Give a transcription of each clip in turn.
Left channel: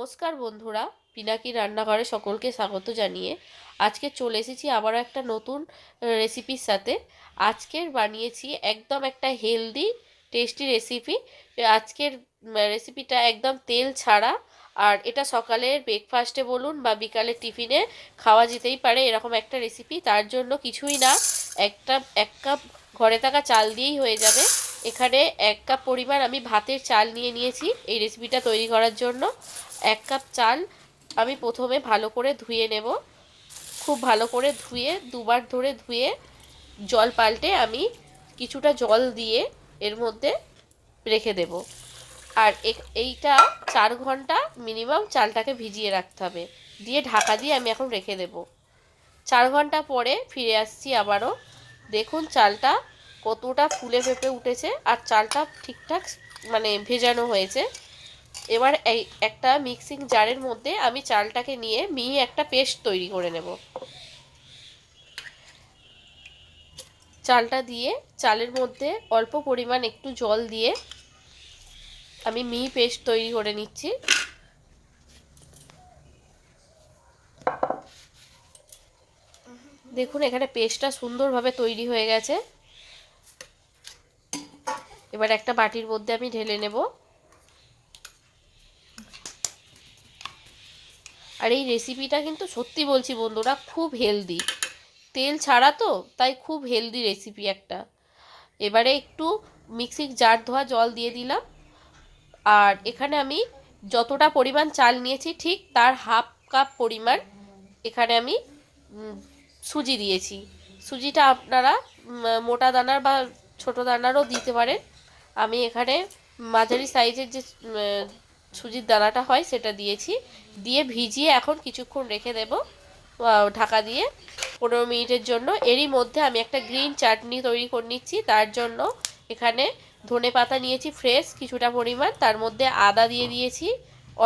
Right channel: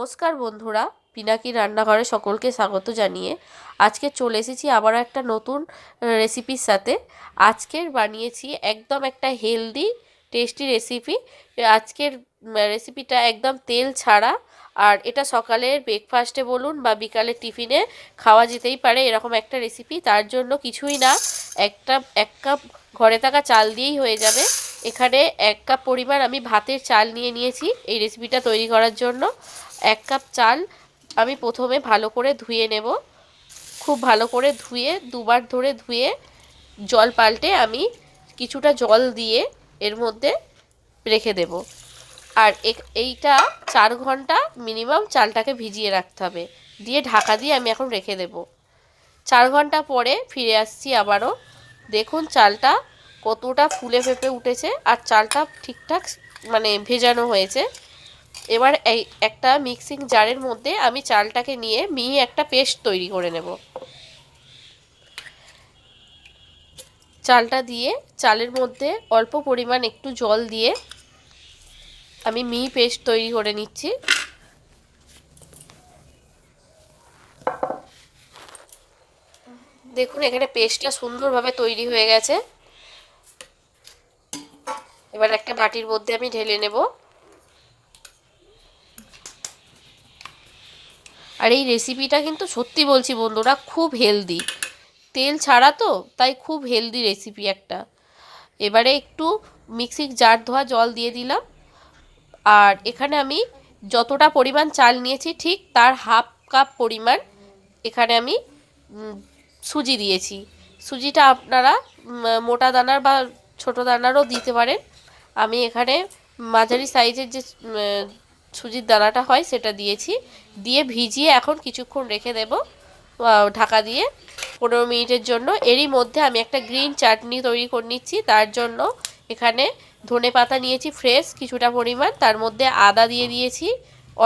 নমস্কার বন্ধুরা, পিনাকি রান্নাঘরে সকলকে স্বাগত জানিয়ে আজকে চলে এসেছি আবার একটা নতুন রেসিপির সাথে। আজকের বানিয়েছি একদম একটা হেলদি টেস্টি রেসিপি। আজকের রেসিপিটা একদম তেল ছাড়া, আর এটা সকালের ব্রেকফাস্টে বলুন বা বিকালের টিফিনে খাওয়া যেতেই পারে এরকম একটা রেসিপি। তার জন্য কিছুই না, এক কাপ ঘরে থাকা চাল দিয়েই হয়ে যাবে। এখানে 1 কাপ পরিমাণ আমি ভাতের চাল নিয়েছি এই রেসিপিটা তৈরি করার জন্য। 1 কাপ চাল আমি প্রথমে ভালো করে ধুয়ে নেব। খুব ভালো করে ধুয়ে, দুবার ধরে ধুয়ে জল পাল্টে আমি কিছুটা জল দিয়ে এর মধ্যে রেখে দেব। আর এইটা 4 ঘন্টা মিনিমাম চালটাকে ভিজিয়ে রাখতে হবে। দিয়ে ঢাকা দিয়ে আমি এখন রেখে দেব। 4 ঘন্টা পরে ফিরে আসছি আবারও। দেখুন চালটা কতটা ফুলে ফেঁপে উঠেছে আর চালটা ঠিকঠাক ভেজানো হয়েছে। এবার এই একটা মিক্সিং জারের মধ্যে আমি চালটাকে নিয়ে মিহি একটা পেস্ট তৈরি করে নেব। চালটা দিয়ে চালের মধ্যে অল্প পরিমাণ একটু জল দিয়ে আমি মিহি পেস্ট তৈরি করে নিচ্ছি। দেখুন এখানে পেস্টটা সুন্দরভাবে তৈরি হয়ে গেছে। এবার একটা বাটির মধ্যে আমি ঢেলে নেব। আর এই রেসিপিটা কিন্তু সত্যি বলছি বন্ধুরা, খুব হেলদি, তেল ছাড়া তো, তাই খুব হেলদি রেসিপি একটা। এবারে একটু মিক্সির জার ধোয়া জল দিয়ে দিলাম। আর এখানে আমি যতটা পরিমাণ চাল নিয়েছি ঠিক তার হাফ কাপ পরিমাণ এখানে আমি সুজি দিয়েছি। সুজিটা আপনারা মোটা দানার বা ছোটো দানারও দিতে পারেন। আমি এখানে মাঝারি সাইজের যে সুজির দানাটা হয় সেটা দিয়েছি। দিয়ে ভিজিয়ে এখন কিছুক্ষণ রেখে দেব ঢাকা দিয়ে 15 মিনিটের জন্য। এরই মধ্যে আমি একটা গ্রিন চাটনি তৈরি করে নিচ্ছি। তার জন্য এখানে ধনে পাতা নিয়েছি ফ্রেশ কিছুটা পরিমাণ, তার মধ্যে আদা দিয়ে দিয়েছি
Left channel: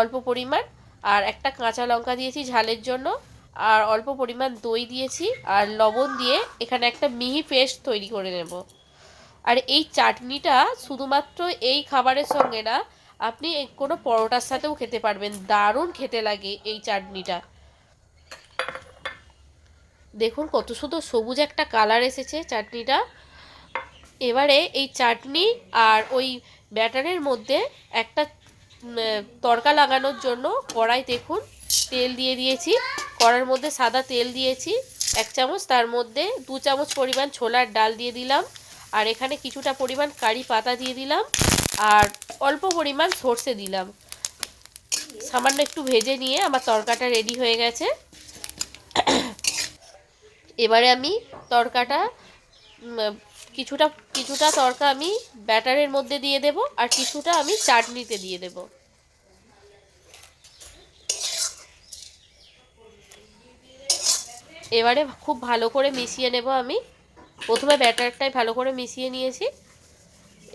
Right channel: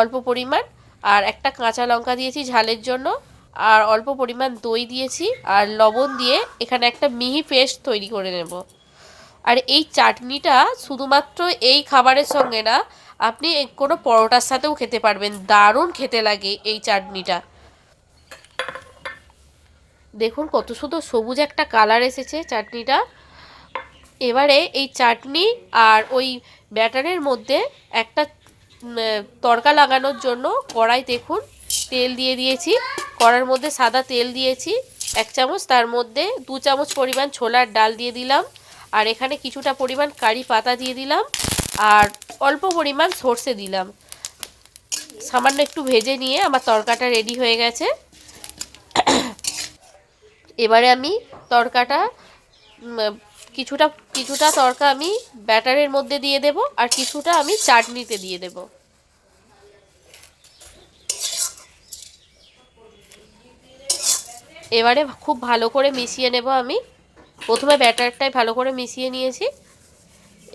অল্প পরিমাণ, আর একটা কাঁচা লঙ্কা দিয়েছি ঝালের জন্য, আর অল্প পরিমাণ দই দিয়েছি, আর লবণ দিয়ে এখানে একটা মিহি পেস্ট তৈরি করে নেব। আর এই চাটনিটা শুধুমাত্র এই খাবারের সঙ্গে না, আপনি কোনো পরোটার সাথেও খেতে পারবেন। দারুণ খেতে লাগে এই চাটনিটা। দেখুন কত সুন্দর সবুজ একটা কালার এসেছে চাটনিটা। এবারে এই চাটনি আর ওই ব্যাটারের মধ্যে একটা তড়কা লাগানোর জন্য কড়াই দেখুন তেল দিয়ে দিয়েছি। কড়ার মধ্যে সাদা তেল দিয়েছি 1 চামচ, তার মধ্যে 2 চামচ পরিমাণ ছোলার ডাল দিয়ে দিলাম, আর এখানে কিছুটা পরিমাণ কারি পাতা দিয়ে দিলাম, আর অল্প পরিমাণ সর্ষে দিলাম। সামান্য একটু ভেজে নিয়ে আমার তড়কাটা রেডি হয়ে গেছে। এবারে আমি তড়কাটা কিছুটা কিছুটা তড়কা আমি ব্যাটারের মধ্যে দিয়ে দেব, আর কিছুটা আমি চাটনিতে দিয়ে দেব। এবারে খুব ভালো করে মিশিয়ে নেব। আমি প্রথমে ব্যাটারটাই ভালো করে মিশিয়ে নিয়েছি,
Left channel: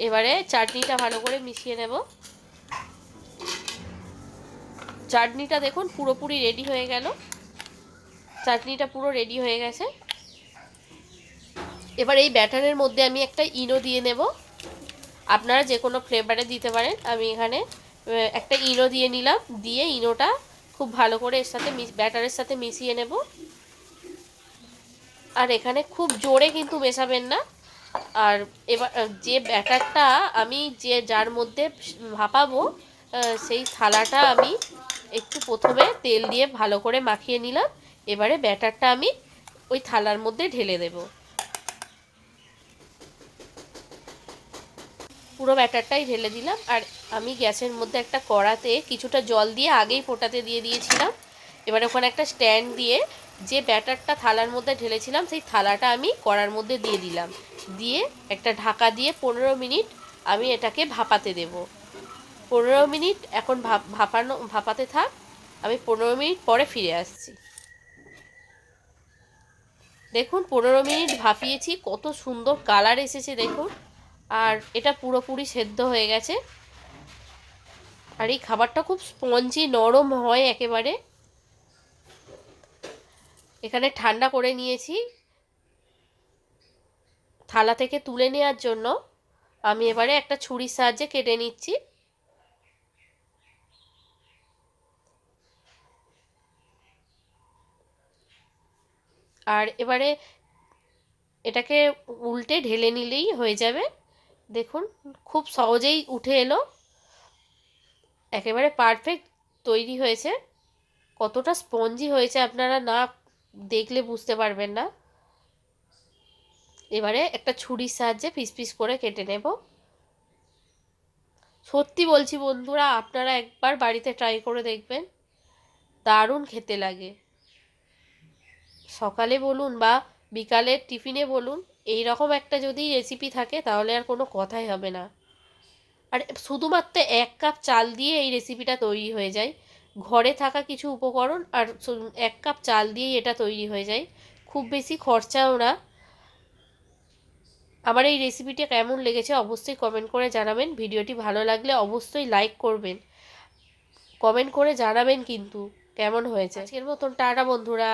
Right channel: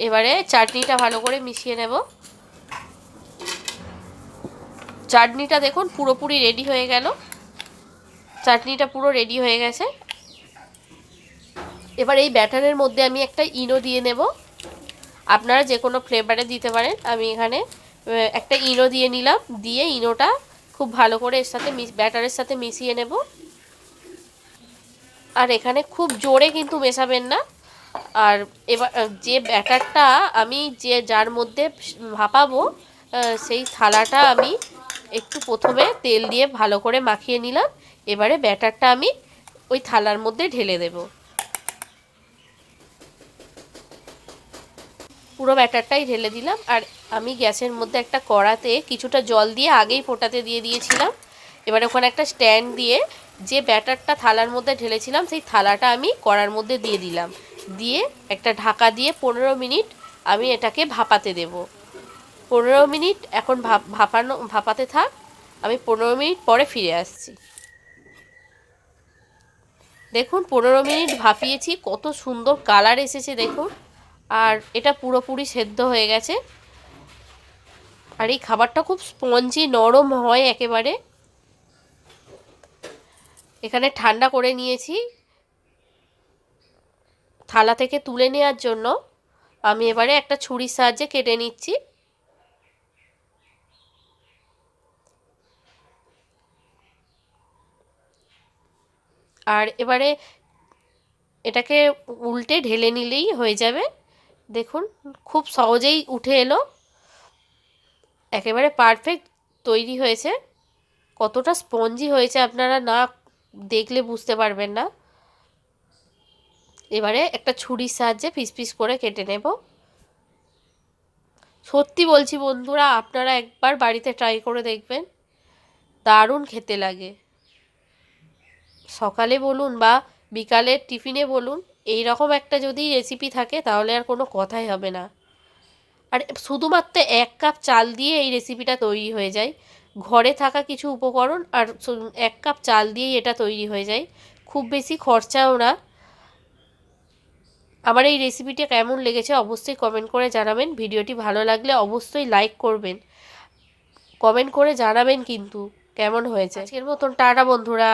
এবারে চাটনিটা ভালো করে মিশিয়ে নেব। চাটনিটা দেখুন পুরোপুরি রেডি হয়ে গেল। চাটনিটা পুরো রেডি হয়ে গেছে। এবার এই ব্যাটারের মধ্যে আমি একটা ইনো দিয়ে নেব। আপনারা যে কোনো ফ্লেভারে দিতে পারেন। আমি এখানে একটা ইনো দিয়ে নিলাম। দিয়ে ইনোটা খুব ভালো করে এর সাথে ব্যাটারের সাথে মিশিয়ে নেব। আর এখানে খুব জোরে কিন্তু মেশাবেন না। আর এবার যে ব্যাটারটা আমি যার মধ্যে ভাপাবো সেই থালাটা আমি একটু প্রথমে তেল দিয়ে ভালো করে মাখিয়ে নিলাম। এবারে ব্যাটারটা আমি ওই থালার মধ্যে ঢেলে দেব। পুরো ব্যাটারটাই ঢেলে দিলাম। আর আমি গ্যাসের মধ্যে একটা কড়াতে কিছুটা জল দিয়ে আগেই ফোটাতে দিয়ে দিয়েছিলাম। এবার ওখানে একটা স্ট্যান্ড দিয়ে যে ব্যাটারটা থালার মধ্যে ঢেলেছিলাম সেই থালাটা আমি কড়ার মধ্যে দিয়ে দিলাম। দিয়ে একটা ঢাকা দিয়ে 15 মিনিট আমি এটাকে ভাপাতে দেব। 15 মিনিট এখন ভাপাতে থাক। আমি 15 মিনিট পরে ফিরে আসছি। দেখুন 15 মিনিট ভাপিয়েছি, কত সুন্দর কালার এসেছে দেখুন। আর এটা পুরোপুরি সেদ্ধ হয়ে গেছে। আর এই খাবারটা খুব স্পঞ্জি নরম হয় একেবারে। এখানে ঠান্ডা করে নিয়েছি। থালা থেকে তুলে নেওয়ার জন্য আমি এবারে একটা ছুরির সাহায্যে কেটে নিচ্ছি। আর এবারে এটাকে উল্টে ঢেলে নিলেই হয়ে যাবে। দেখুন খুব সহজেই উঠে এলো, একেবারে পারফেক্ট তৈরি হয়েছে। কতটা স্পঞ্জি হয়েছে আপনারা না দেখলে বুঝতে পারবেন না। এবারে একটা ছুরির সাহায্যে পিস পিস করে কেটে নেব। সত্যি বলছি বন্ধুরা, আপনারা একবার বাড়িতে ট্রাই করে দেখবেন, দারুণ খেতে লাগে। সকালে বলুন বা বিকালের টিফিনে বলুন, এই রকম একটা যদি রেসিপি থাকে তাহলে আর কোনো কথাই হবে না। আর শুধুমাত্র 1 কাপ চাল দিয়ে এই রেসিপিটা তৈরি হয়ে যায়। ঘরে থাকা কিছু উপকরণ আর 1 কাপ চাল দিয়েই এটা তৈরি হয়ে যায়, খুব বেশি খরচাও না। আমার এই রেসিপিটা কেমন লেগেছে অবশ্যই কমেন্ট করে জানাবেন। ভিডিওটি ভালো লাগলে অবশ্যই লাইক করবেন, কমেন্ট করে জানাবেন কিন্তু কেমন হয়েছে। আজকের মতন টাটা বন্ধুরা।